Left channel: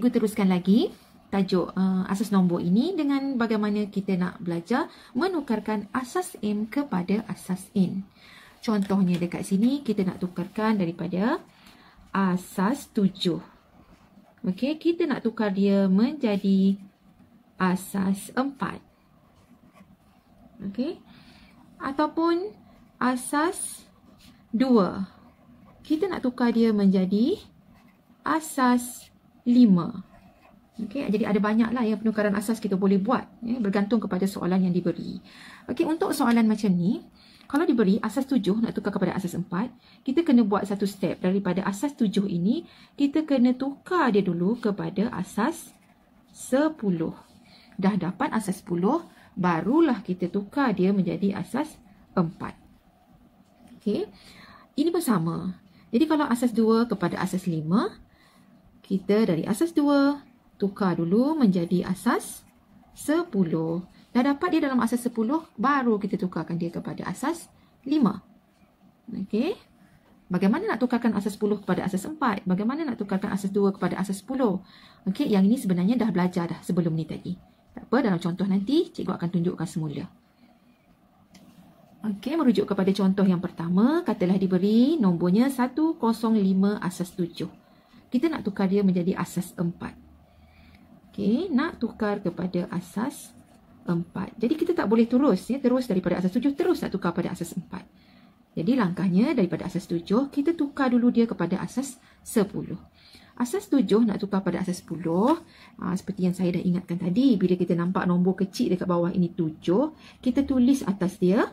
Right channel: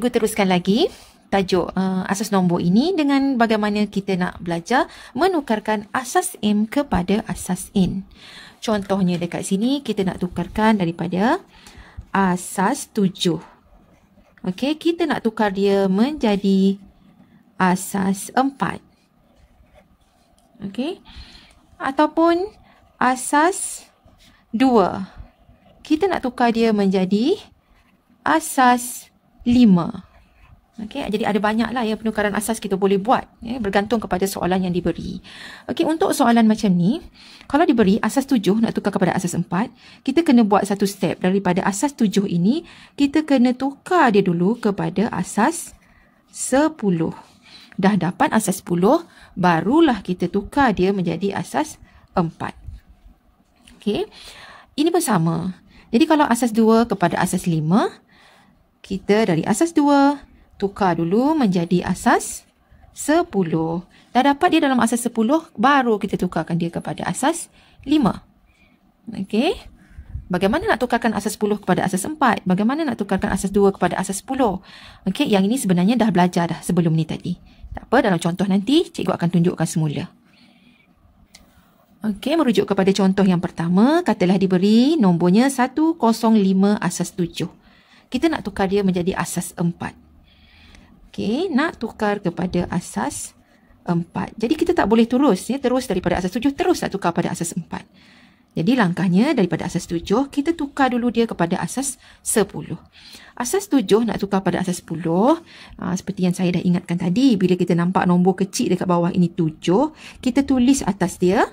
cikgu teruskan lagi tajuk asas nombor ini dengan bagaimana kita nak belajar menukarkan asas M kepada asas N. Contohnya dekat sini kita nak tukarkan daripada asas 7. Okey, kita nak tukar dia menjadi asas 4. Okey. Ataupun asas 2. Kita nak tukar dia menjadi asas 5. Okey, jadi ada banyaklah ya penukaran asas kita boleh buat ya, bergantung kepada soalan yang diberi. Okey, untuk soalan macam ni, kalau diberi asas 7 nak tukar kepada asas 4, kita kena buat satu step. Daripada asas 7 ini, kita kena tukar dia dulu kepada asas 10. Dah dapat asas 10, barulah kita tukar dia menjadi asas 4. Okey, ini pun sama. Jadi kalau asas 2 kepada asas 5, kita dari asas 2 tukar dulu menjadi asas 10. Dah dapat dia dalam asas 10, baru kita tukarkan dia kepada asas 5. Okey. Bagaimana nak tukarkan asas 10 kepada asas 4? Bagaimana nak tukarkan asas 2 kepada asas 10? Okey, yang ini sebenarnya dah belajar dah sebelum ni tadi. Tak apa, dalam contoh nanti cikgu akan tunjukkan semula. Okey, merujuk kepada contoh yang pertama, katalah diberi nombornya 105 asas 7. Kita nak tukar dia menjadi asas 4. Okey, nak tukar kepada asas 4. Jadi kita tak boleh terus ya, terus daripada asas 7 terus nak tukar pada asas 4. Jadi langkahnya daripada asas 7 kita tukar dulu dia kepada asas 10. Asas 7 nak tukar pada asas 10, seperti yang saya dah ingatkan tadi, bila kita nampak nombor kecil dekat bawah ini 7, kita tulis atas dia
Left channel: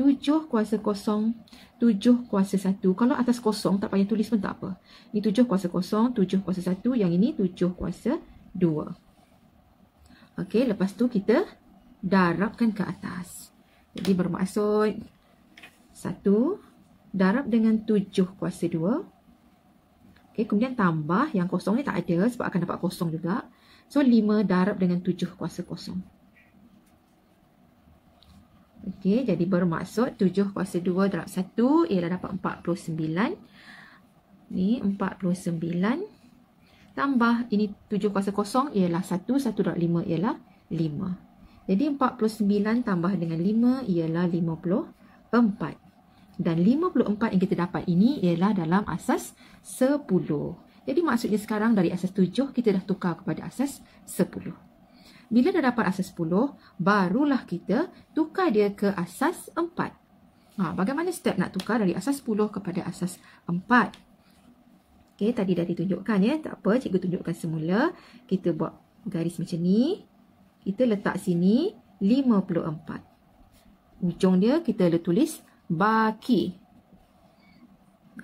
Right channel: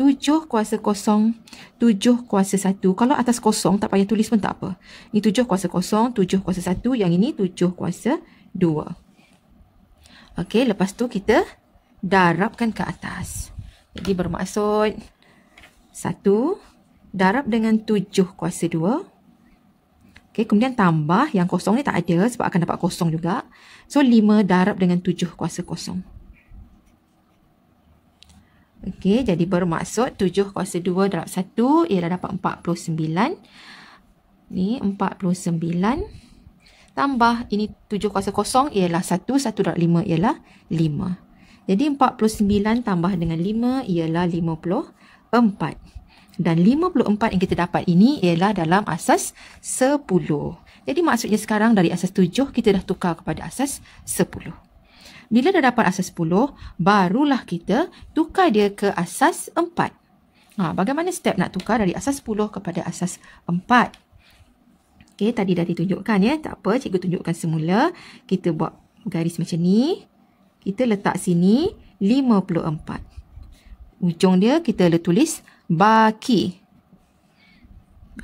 7 kuasa 0, 7 kuasa 1. Kalau atas kosong tak payah tulis pun tak apa. Ini 7 kuasa 0, 7 kuasa 1, yang ini 7 kuasa 2. Okey, lepas tu kita darabkan ke atas. Jadi bermaksud 1 darab dengan 7 kuasa 2. Okey, kemudian tambah yang kosong ni tak ada sebab akan dapat kosong juga. So 5 darab dengan 7 kuasa 0. Okey, jadi bermaksud 7 kuasa 2 darab 1 ialah dapat 49. Ni 49. Tambah ini 7 kuasa 0 ialah 1. 1 darab 5 ialah 5. Jadi 49 tambah dengan 5 ialah 54. Dan 54 yang kita dapat ini ialah dalam asas 10. Jadi maksudnya sekarang dari asas 7 kita dah tukar kepada asas 10. Bila dah dapat asas 10, barulah kita tukar dia ke asas 4. Bagaimana step nak tukar dari asas 10 kepada asas 4? Okey, tadi dah ditunjukkan ya. Tak apa, cikgu tunjukkan semula. Kita buat garis macam ni. Kita letak sini 54. Ujung dia kita tulis baki.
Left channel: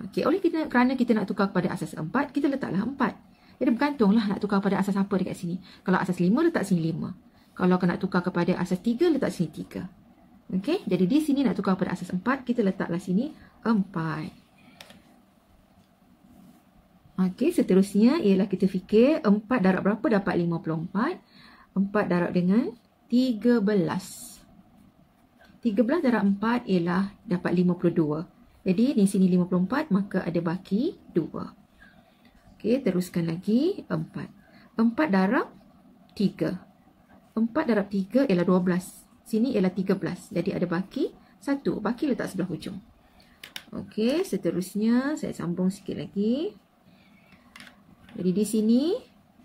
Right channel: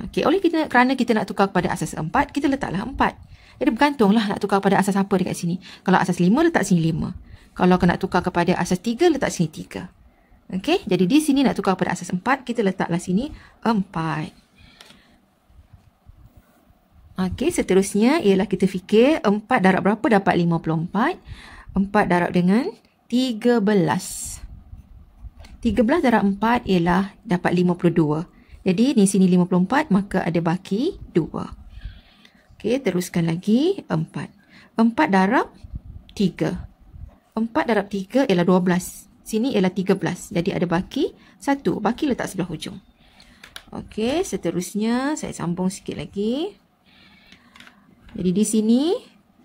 Okey, kerana kita nak tukar kepada asas 4, kita letaklah 4. Jadi bergantunglah nak tukar kepada asas apa dekat sini. Kalau asas 5, letak sini 5. Kalau nak tukar kepada asas 3, letak sini 3. Okey, jadi di sini nak tukar kepada asas 4, kita letaklah sini 4. Okey, seterusnya ialah kita fikir 4 darab berapa dapat 54. 4 darab dengan 13. 13 darab 4 ialah dapat 52. Jadi di sini 54, maka ada baki 2. Okey, teruskan lagi 4. 4 darab 3. 4 darab 3 ialah 12. Sini ialah 13. Jadi ada baki 1. Baki letak sebelah hujung. Okey, seterusnya saya sambung sikit lagi. Jadi di sini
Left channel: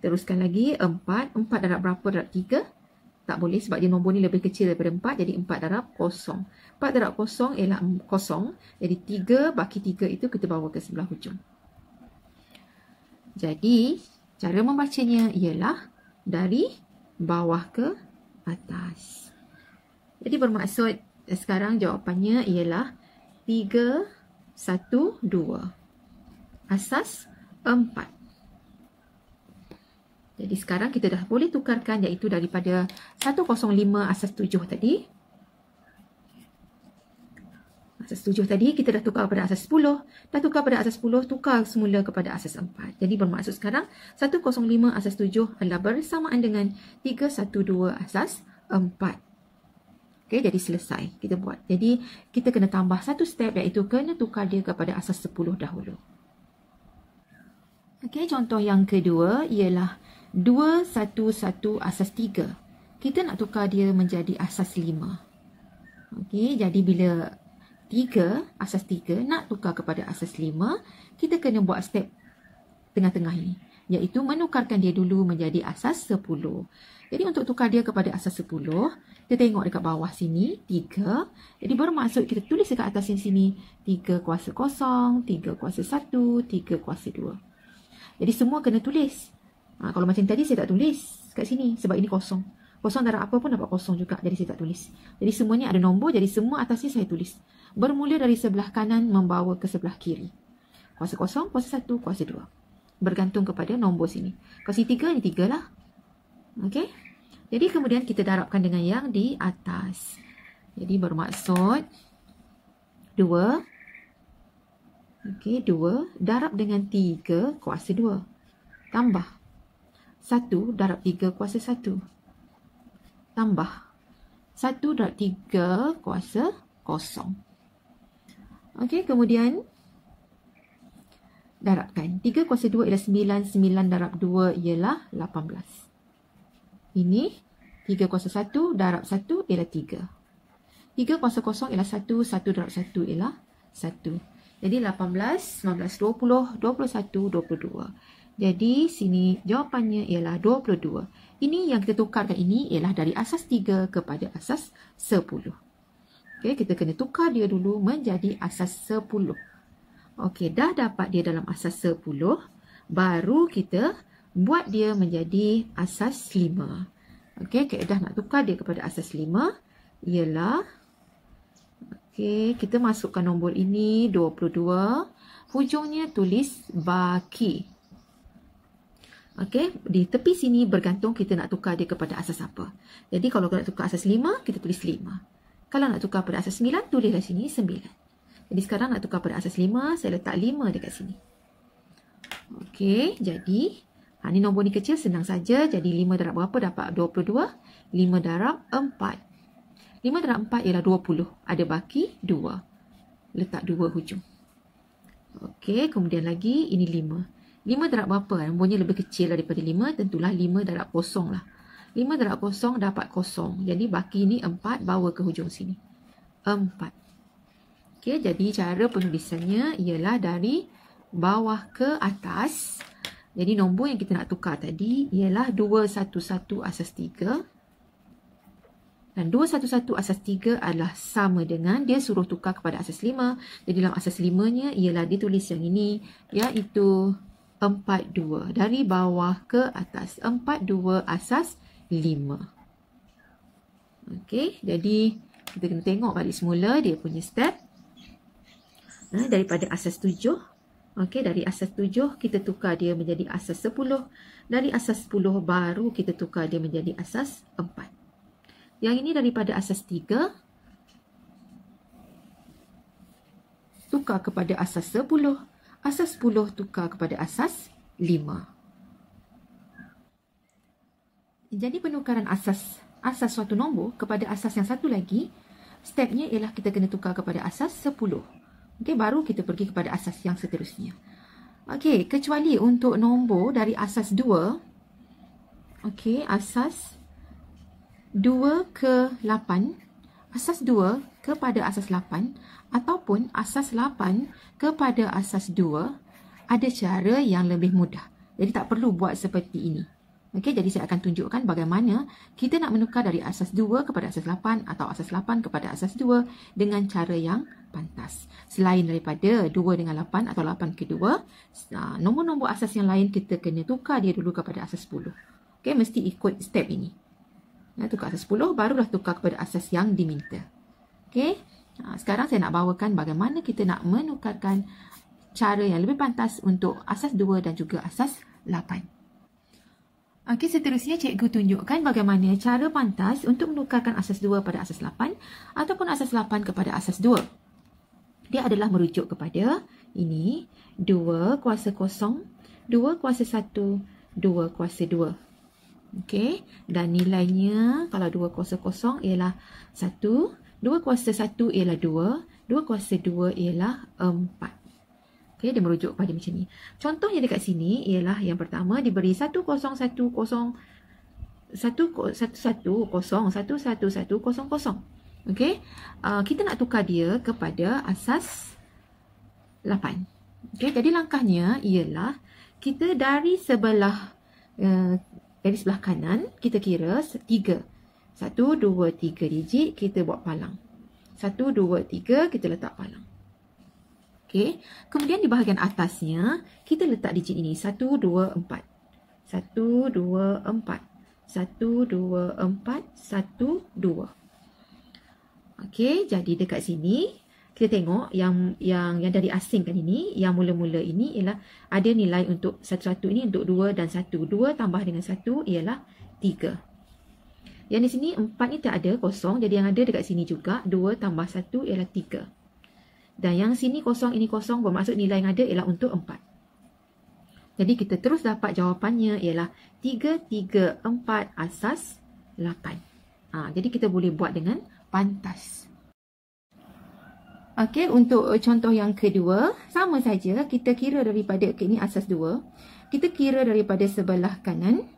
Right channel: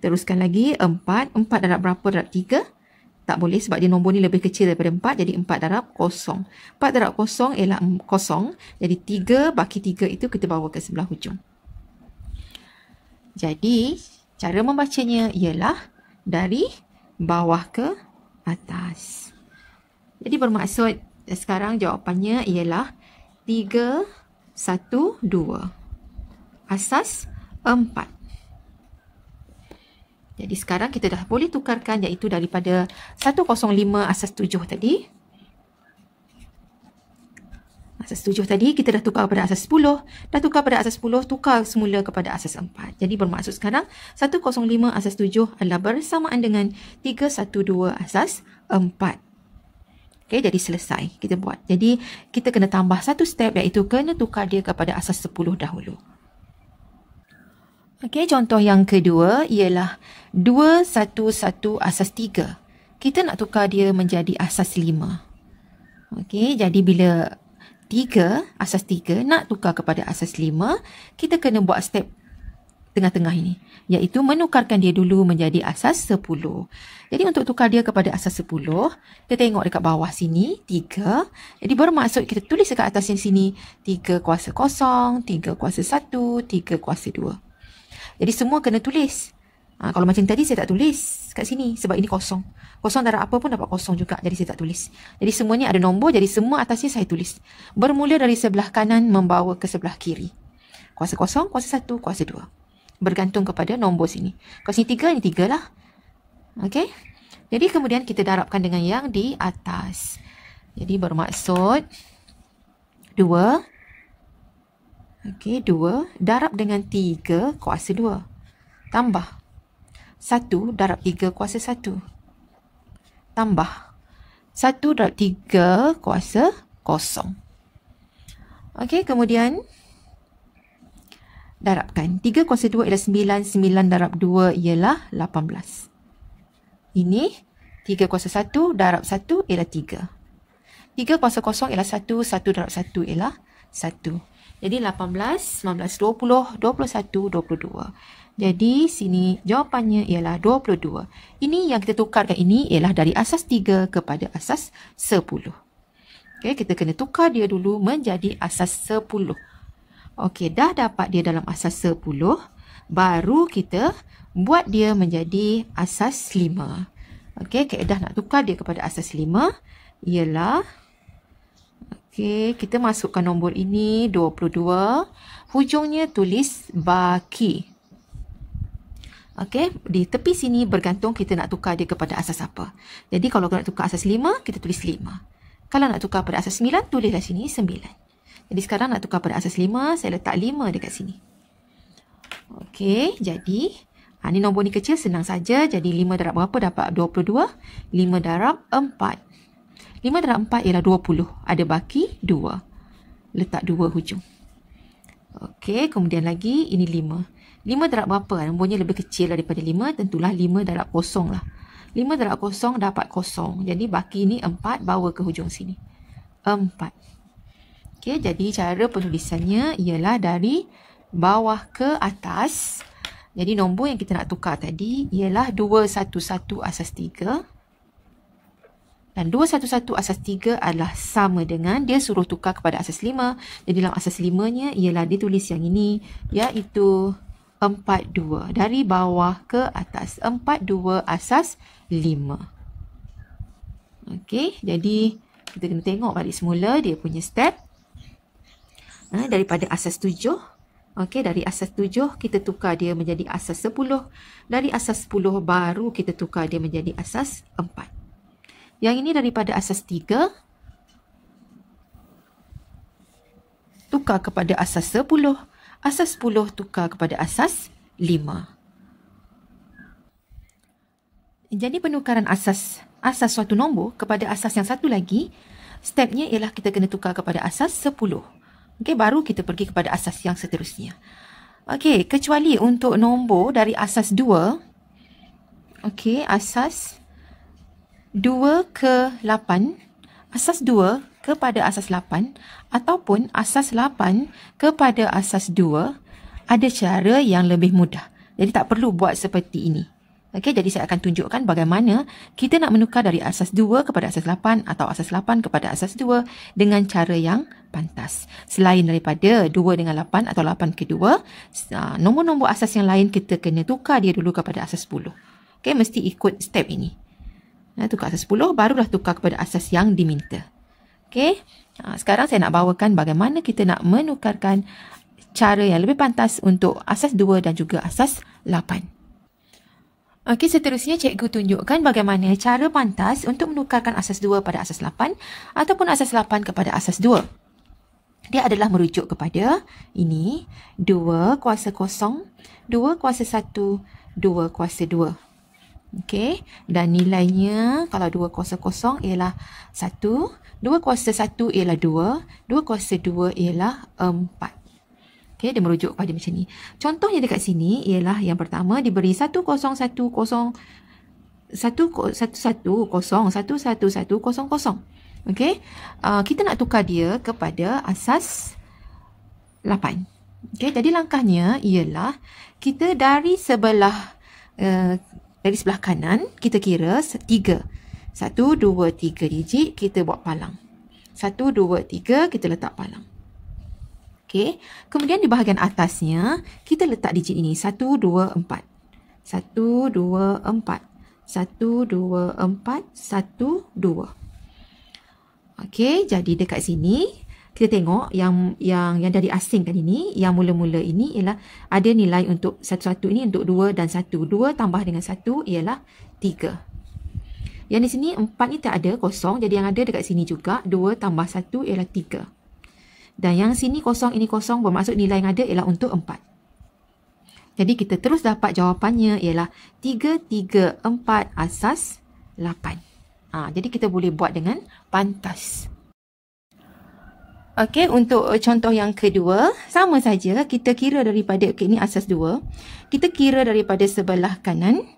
teruskan lagi 4. 4 darab berapa darab 3? Tak boleh sebab dia nombor ni lebih kecil daripada 4. Jadi 4 darab 0. 4 darab 0 ialah 0. Jadi 3 baki 3 itu kita bawa ke sebelah hujung. Jadi cara membacanya ialah dari bawah ke atas. Jadi bermaksud sekarang jawapannya ialah 3, 1, 2. Asas 4. Jadi sekarang kita dah boleh tukarkan iaitu daripada 105 asas 7 tadi. Asas 7 tadi kita dah tukar kepada asas 10. Dah tukar pada asas 10, tukar semula kepada asas 4. Jadi bermaksud sekarang 105 asas 7 adalah bersamaan dengan 312 asas 4. Okey, jadi selesai kita buat. Jadi kita kena tambah satu step iaitu kena tukar dia kepada asas 10 dahulu. Okey, contoh yang kedua ialah 211 asas 3. Kita nak tukar dia menjadi asas 5. Okey, jadi bila 3, asas 3 nak tukar kepada asas 5, kita kena buat step tengah-tengah ini, iaitu menukarkan dia dulu menjadi asas 10. Jadi untuk tukar dia kepada asas 10, kita tengok dekat bawah sini 3. Jadi bermaksud kita tulis dekat atas sini 3 kuasa 0, 3 kuasa 1, 3 kuasa 2. Jadi semua kena tulis. Kalau macam tadi saya tak tulis kat sini sebab ini kosong. Kosong darab apa pun dapat kosong juga, jadi saya tak tulis. Jadi semuanya ada nombor, jadi semua atasnya saya tulis. Bermula dari sebelah kanan membawa ke sebelah kiri. Kuasa 0, kuasa 1, kuasa 2. Bergantung kepada nombor sini. Kalau sini 3, ini 3 lah. Okey. Jadi kemudian kita darabkan dengan yang di atas. Jadi bermaksud 2. Okey, 2 darab dengan 3 kuasa 2. Tambah 1 darab 3 kuasa 1. Tambah 1 darab 3 kuasa 0. Okey, kemudian darabkan. 3 kuasa 2 ialah 9. 9 darab 2 ialah 18. Ini 3 kuasa 1 darab 1 ialah 3. 3 kuasa 0 ialah 1. 1 darab 1 ialah 1. Jadi 18, 19, 20, 21, 22. Jadi sini jawapannya ialah 22. Ini yang kita tukarkan ini ialah dari asas 3 kepada asas 10. Okey, kita kena tukar dia dulu menjadi asas 10. Okey, dah dapat dia dalam asas 10, baru kita buat dia menjadi asas 5. Okey, kaedah nak tukar dia kepada asas 5 ialah, okey, kita masukkan nombor ini 22, hujungnya tulis baki. Okey, di tepi sini bergantung kita nak tukar dia kepada asas apa. Jadi kalau nak tukar asas 5, kita tulis 5. Kalau nak tukar pada asas 9, tulislah sini 9. Jadi sekarang nak tukar pada asas 5, saya letak 5 dekat sini. Okey, jadi ni nombor ni kecil, senang saja. Jadi 5 darab berapa dapat 22? 5 darab 4. 5 darab 4 ialah 20. Ada baki 2. Letak 2 hujung. Okey, kemudian lagi ini 5. 5 darab berapa? Nombornya lebih kecil daripada 5, tentulah 5 darab 0 lah. 5 darab 0 dapat 0. Jadi baki ni 4, bawa ke hujung sini. 4. Okey, jadi cara penulisannya ialah dari bawah ke atas. Jadi nombor yang kita nak tukar tadi ialah 211 asas 3. Dan 211 asas 3 adalah sama dengan dia suruh tukar kepada asas 5. Jadi dalam asas 5-nya ialah ditulis yang ini, iaitu 42. Dari bawah ke atas. 42 asas 5. Okey, jadi kita kena tengok balik semula dia punya step. Daripada asas 7. Okey, dari asas 7 kita tukar dia menjadi asas 10. Dari asas 10 baru kita tukar dia menjadi asas 4. Yang ini daripada asas 3 tukar kepada asas 10. Asas 10 tukar kepada asas 5. Jadi penukaran asas suatu nombor kepada asas yang satu lagi, stepnya ialah kita kena tukar kepada asas 10. Okey, baru kita pergi kepada asas yang seterusnya. Okey, kecuali untuk nombor dari asas 2. Okey, asas 2 ke 8, asas 2 kepada asas 8 ataupun asas 8 kepada asas 2, ada cara yang lebih mudah. Jadi tak perlu buat seperti ini. Okey, jadi saya akan tunjukkan bagaimana kita nak menukar dari asas 2 kepada asas 8 atau asas 8 kepada asas 2 dengan cara yang pantas. Selain daripada 2 dengan 8 atau 8 ke 2, nombor-nombor asas yang lain kita kena tukar dia dulu kepada asas 10. Okey, mesti ikut step ini. Tukar asas 10, barulah tukar kepada asas yang diminta. Okey, sekarang saya nak bawakan bagaimana kita nak menukarkan cara yang lebih pantas untuk asas 2 dan juga asas 8. Okey, seterusnya cikgu tunjukkan bagaimana cara pantas untuk menukarkan asas 2 pada asas 8 ataupun asas 8 kepada asas 2. Dia adalah merujuk kepada ini 2 kuasa 0, 2 kuasa 1, 2 kuasa 2. Okey, dan nilainya kalau 2 kuasa 0 ialah 1, 2 kuasa 1 ialah 2, 2 kuasa 2 ialah 4. Okey, dia merujuk kepada macam ni. Contohnya dekat sini ialah yang pertama diberi 1010 11110. Okey. Kita nak tukar dia kepada asas 8. Okey, jadi langkahnya ialah kita dari sebelah kanan kita kira 3. 1 2 3 digit kita buat palang. 1 2 3 kita letak palang. Okey, kemudian di bahagian atasnya kita letak digit ini 1 2 4. 1 2 4. 1 2 4 1 2. Okey, jadi dekat sini kita tengok yang dari asing tadi ni, yang mula-mula ini ialah ada nilai untuk satu-satu ini untuk 2 dan 1. 2 tambah dengan 1 ialah 3. Yang di sini 4 ni tak ada, kosong. Jadi yang ada dekat sini juga 2 tambah 1 ialah 3. Dan yang sini kosong, ini kosong, bermaksud nilai yang ada ialah untuk 4. Jadi kita terus dapat jawapannya ialah 3, 3, 4 asas 8. Jadi kita boleh buat dengan pantas. Okey, untuk contoh yang kedua, sama saja kita kira daripada, ini asas 2. Kita kira daripada sebelah kanan,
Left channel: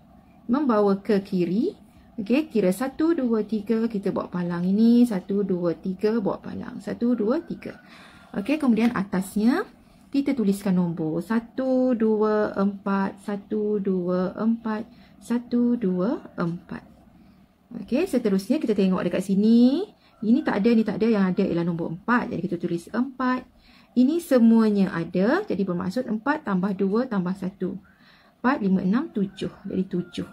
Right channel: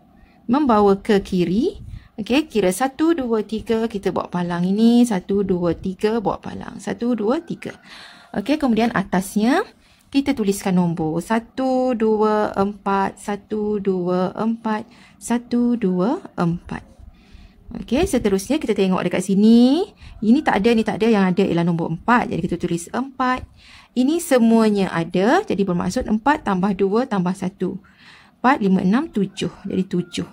membawa ke kiri. Okey, kira 1, 2, 3, kita buat palang ini. 1, 2, 3, buat palang. 1, 2, 3. Okey, kemudian atasnya, kita tuliskan nombor. 1, 2, 4, 1, 2, 4, 1, 2, 4. Okey, seterusnya kita tengok dekat sini. Ini tak ada, ni tak ada. Yang ada ialah nombor 4. Jadi kita tulis 4. Ini semuanya ada. Jadi bermaksud 4 tambah 2 tambah 1. 4, 5, 6, 7. Jadi 7.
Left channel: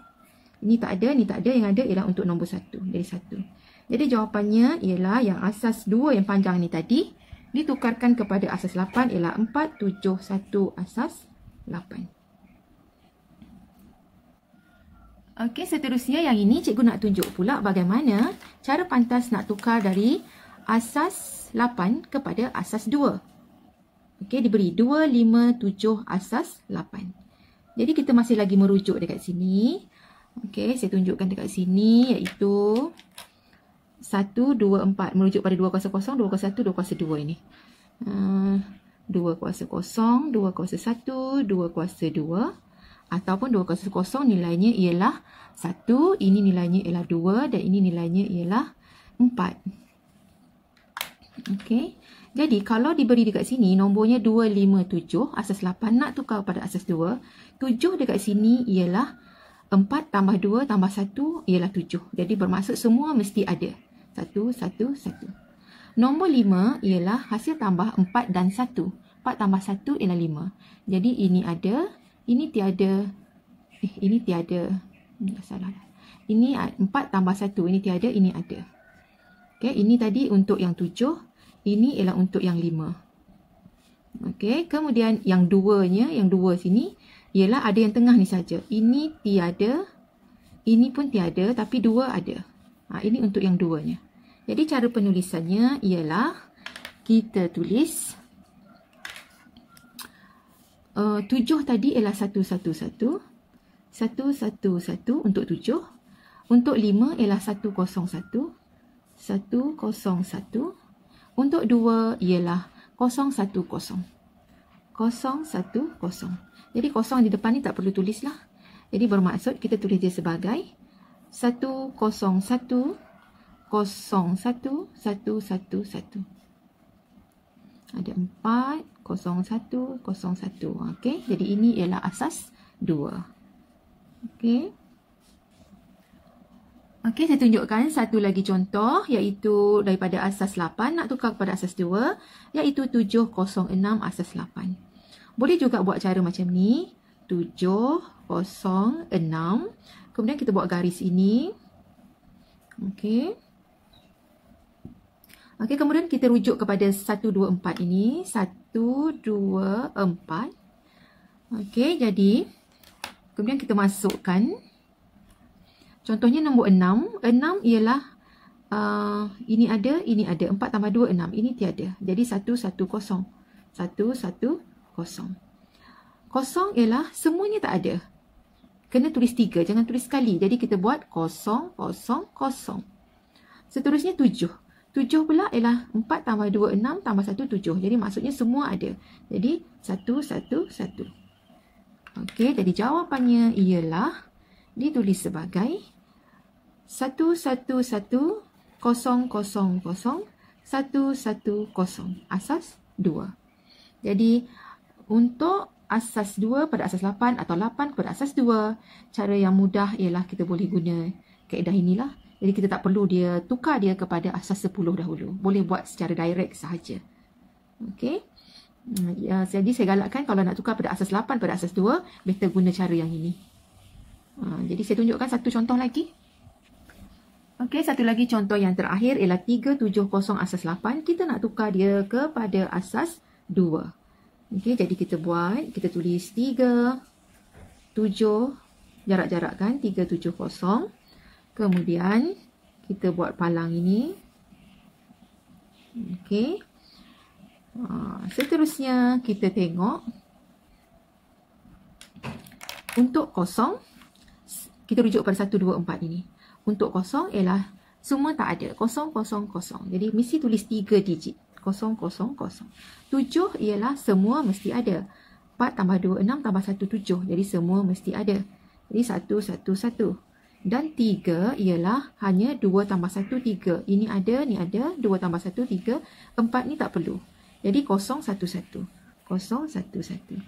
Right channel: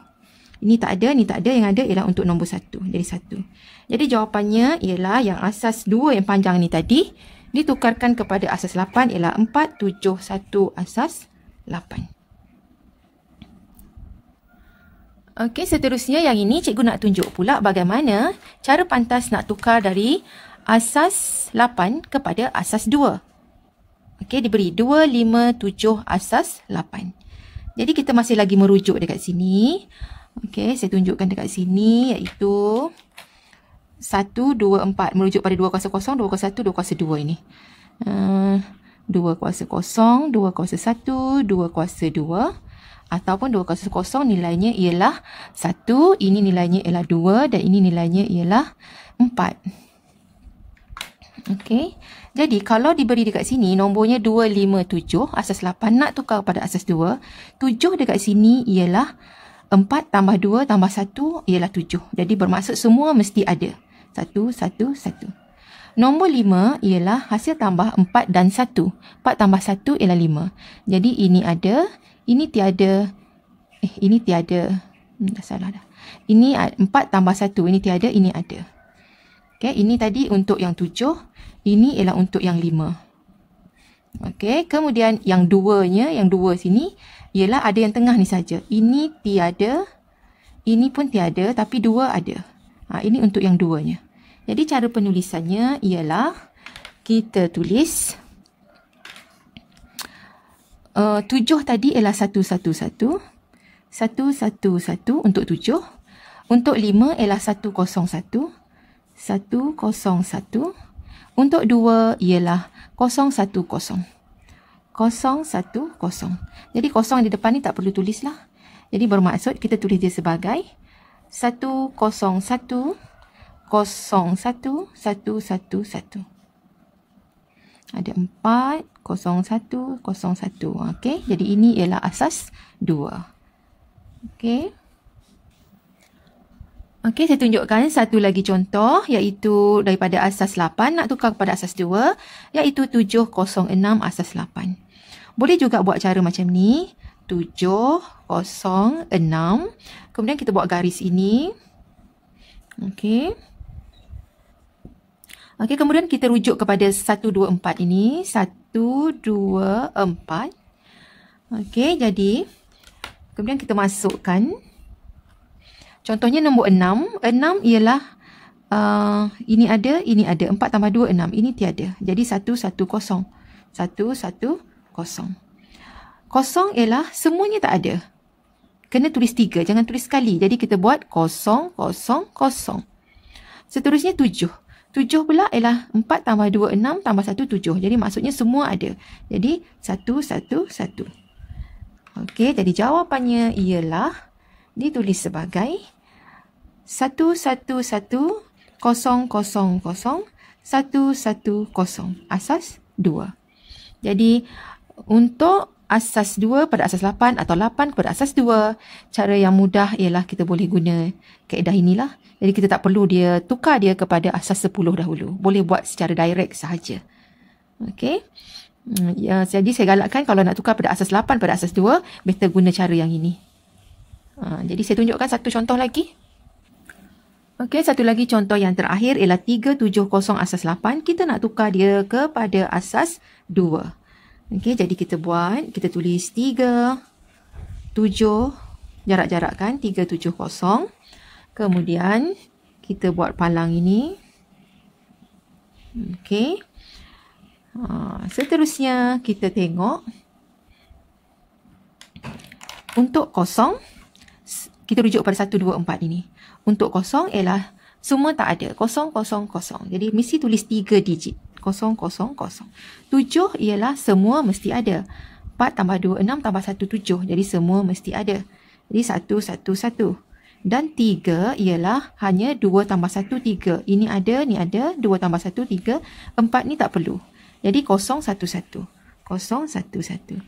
Ini tak ada, ni tak ada. Yang ada ialah untuk nombor 1. Jadi 1. Jadi jawapannya ialah yang asas 2 yang panjang ni tadi ditukarkan kepada asas 8 ialah 4, 7, 1 asas 8. Okey, seterusnya yang ini cikgu nak tunjuk pula bagaimana cara pantas nak tukar dari asas 8 kepada asas 2. Okey, diberi 2, 5, 7 asas 8. Jadi kita masih lagi merujuk dekat sini. Okey, saya tunjukkan dekat sini iaitu 1, 2, 4. Merujuk pada 2 kuasa 0, 2 kuasa 1, 2 kuasa 2 ini. 2 kuasa 0, 2 kuasa 1, 2 kuasa 2. Ataupun 2 kuasa 0 nilainya ialah 1, ini nilainya ialah 2 dan ini nilainya ialah 4. Okey. Jadi kalau diberi dekat sini nombornya 2, 5, 7, asas 8 nak tukar pada asas 2, 7 dekat sini ialah 4 tambah 2 tambah 1 ialah 7. Jadi bermaksud semua mesti ada. 1, 1, 1. Nombor 5 ialah hasil tambah 4 dan 1. 4 tambah 1 ialah 5. Jadi ini ada. Ini tiada. Ini tiada. Dah salah dah. Ini 4 tambah 1. Ini tiada, ini ada. Okey, ini tadi untuk yang 7. Ini ialah untuk yang 5. Okey, kemudian yang 2-nya, yang 2 sini, ialah ada yang tengah ni saja. Ini tiada. Ini pun tiada, tapi 2 ada. Ini untuk yang 2-nya. Jadi cara penulisannya ialah kita tulis 7 tadi ialah 111. 111 untuk 7. Untuk 5 ialah 101. 101. Untuk 2 ialah 010. 010. Jadi kosong di depan ni tak perlu tulis lah. Jadi bermaksud kita tulis dia sebagai 101 01 111. Ada 4 01 01. Okey, jadi ini ialah asas 2. Okey. Okey, saya tunjukkan satu lagi contoh iaitu daripada asas 8 nak tukar kepada asas 2 iaitu 706 asas 8. Boleh juga buat cara macam ni. 706. Kemudian kita buat garis ini. Okey. Okey, kemudian kita rujuk kepada 124 ini. 124. Okey, jadi kemudian kita masukkan. Contohnya nombor 6. 6 ialah ini ada, ini ada. 4 tambah 2, 6. Ini tiada. Jadi 110. 110. Kosong ialah semuanya tak ada. Kena tulis 3. Jangan tulis sekali. Jadi kita buat 0, 0, 0. Seterusnya 7. 7 pula ialah 4 tambah 2, 6 tambah 1, 7. Jadi maksudnya semua ada. Jadi 1, 1, 1. Okey, jadi jawapannya ialah ditulis sebagai 1, 1, 1, 0, 0, 0, 1, 1, 0. Asas 2. Jadi untuk asas 2 pada asas 8 atau 8 pada asas 2, cara yang mudah ialah kita boleh guna kaedah inilah. Jadi kita tak perlu dia tukar dia kepada asas 10 dahulu. Boleh buat secara direct sahaja. Okey. Ya, jadi saya galakkan kalau nak tukar pada asas 8 pada asas 2, better guna cara yang ini. Jadi saya tunjukkan satu contoh lagi. Okey, satu lagi contoh yang terakhir ialah 370 asas 8. Kita nak tukar dia kepada asas 2. Okey, jadi kita buat, kita tulis 3, 7, jarak-jarak kan, 370. Kemudian kita buat palang ini. Okey. Seterusnya kita tengok. Untuk kosong, kita rujuk pada 1, 2, 4 ini. Untuk kosong ialah semua tak ada. 0, 0, 0. Jadi mesti tulis 3 digit. 0, 0, 0. 7 ialah semua mesti ada. 4 tambah 2, 6 tambah 1, 7. Jadi semua mesti ada. Jadi 1, 1, 1. Dan 3 ialah hanya 2 tambah 1, 3. Ini ada, ni ada. 2 tambah 1, 3. 4 ni tak perlu. Jadi 0, 1, 1. 0, 1, 1.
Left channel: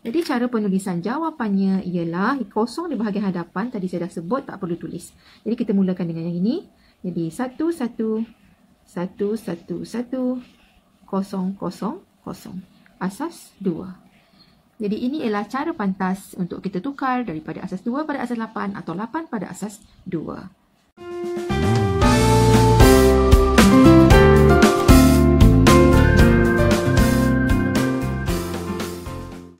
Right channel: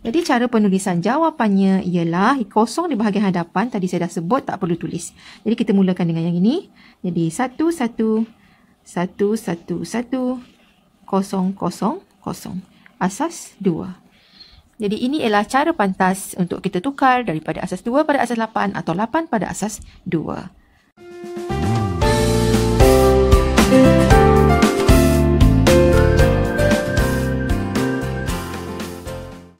Jadi cara penulisan jawapannya ialah 0 di bahagian hadapan. Tadi saya dah sebut tak perlu tulis. Jadi kita mulakan dengan yang ini. Jadi 1, 1, 1, 1, 1, 0, 0, 0. Asas 2. Jadi ini ialah cara pantas untuk kita tukar daripada asas 2 pada asas 8 atau 8 pada asas 2.